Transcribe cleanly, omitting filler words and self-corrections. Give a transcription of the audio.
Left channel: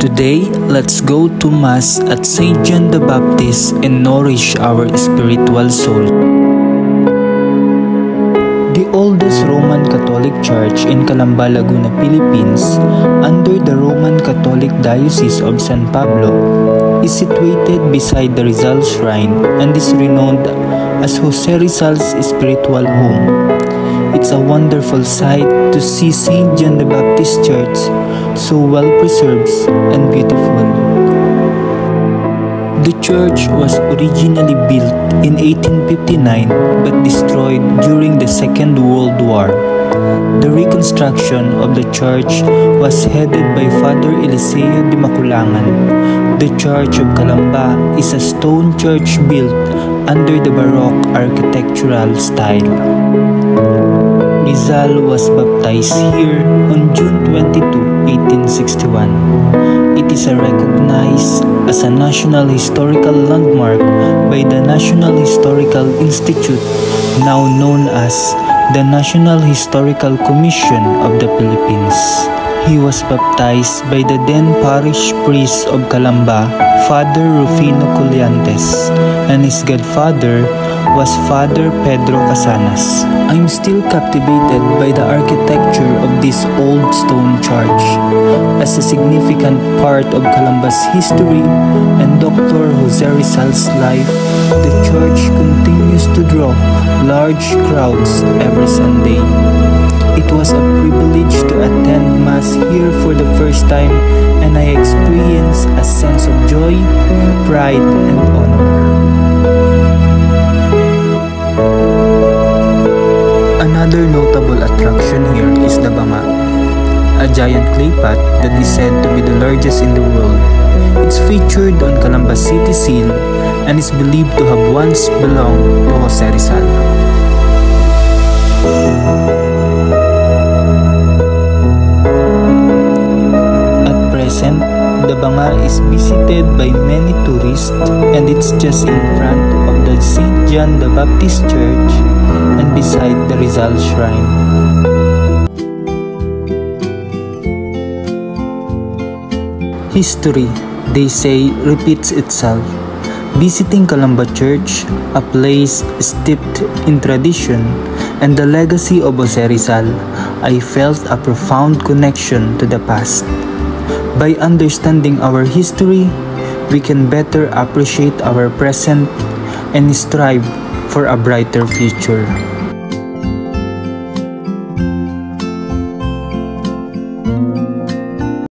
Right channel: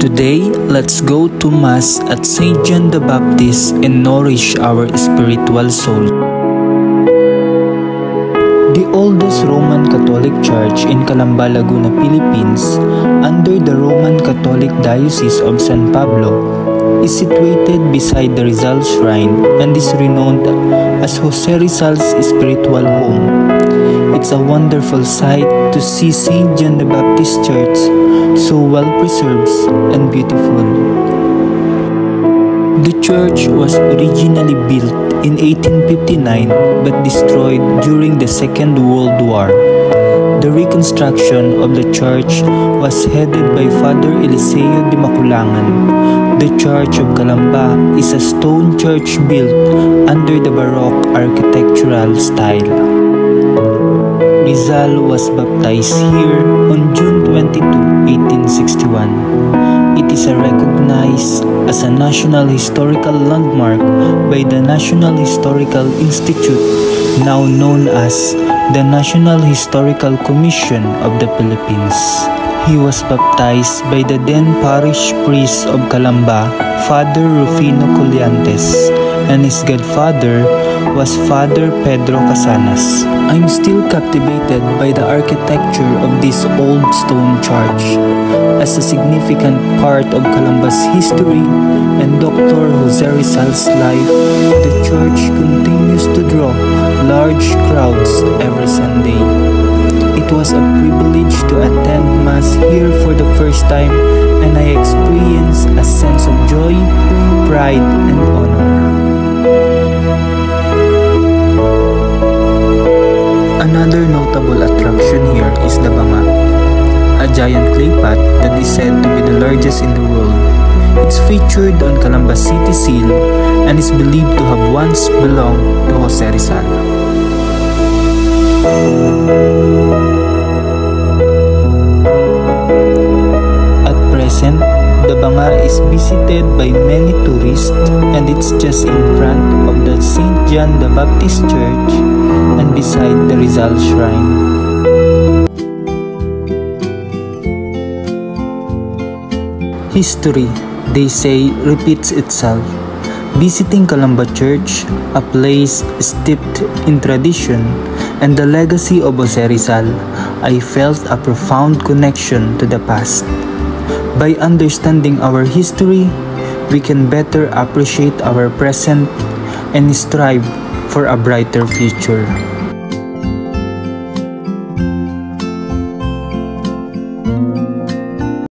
Today, let's go to Mass at St. John the Baptist and nourish our spiritual soul. The oldest Roman Catholic Church in Calamba, Laguna, Philippines, under the Roman Catholic Diocese of San Pablo, is situated beside the Rizal Shrine and is renowned as Jose Rizal's spiritual home. It's a wonderful sight to see St. John the Baptist Church so well preserved and beautiful. The church was originally built in 1859 but destroyed during the Second World War. The reconstruction of the church was headed by Father Eliseo de Maculangan. The Church of Calamba is a stone church built under the Baroque architectural style. Rizal was baptized here on June 22, 1861. It is recognized as a National Historical Landmark by the National Historical Institute, now known as the National Historical Commission of the Philippines. He was baptized by the then parish priest of Calamba, Father Rufino Colliantes, and his godfather was Father Pedro Casanas. I'm still captivated by the architecture of this old stone church. As a significant part of Calamba's history and Dr. Jose Rizal's life, the church continues to draw large crowds every Sunday. It was a privilege to attend Mass here for the first time, and I experienced a sense of joy, pride, and honor. Another notable attraction here is the Banga, a giant clay pot that is said to be the largest in the world. It's featured on Calamba City Seal and is believed to have once belonged to Jose Rizal. At present, the Banga is visited by many tourists and it's just in front of the St. John the Baptist Church and beside the Rizal Shrine. History, they say, repeats itself. Visiting Calamba Church, a place steeped in tradition and the legacy of Jose Rizal, I felt a profound connection to the past. By understanding our history, we can better appreciate our present and strive for a brighter future.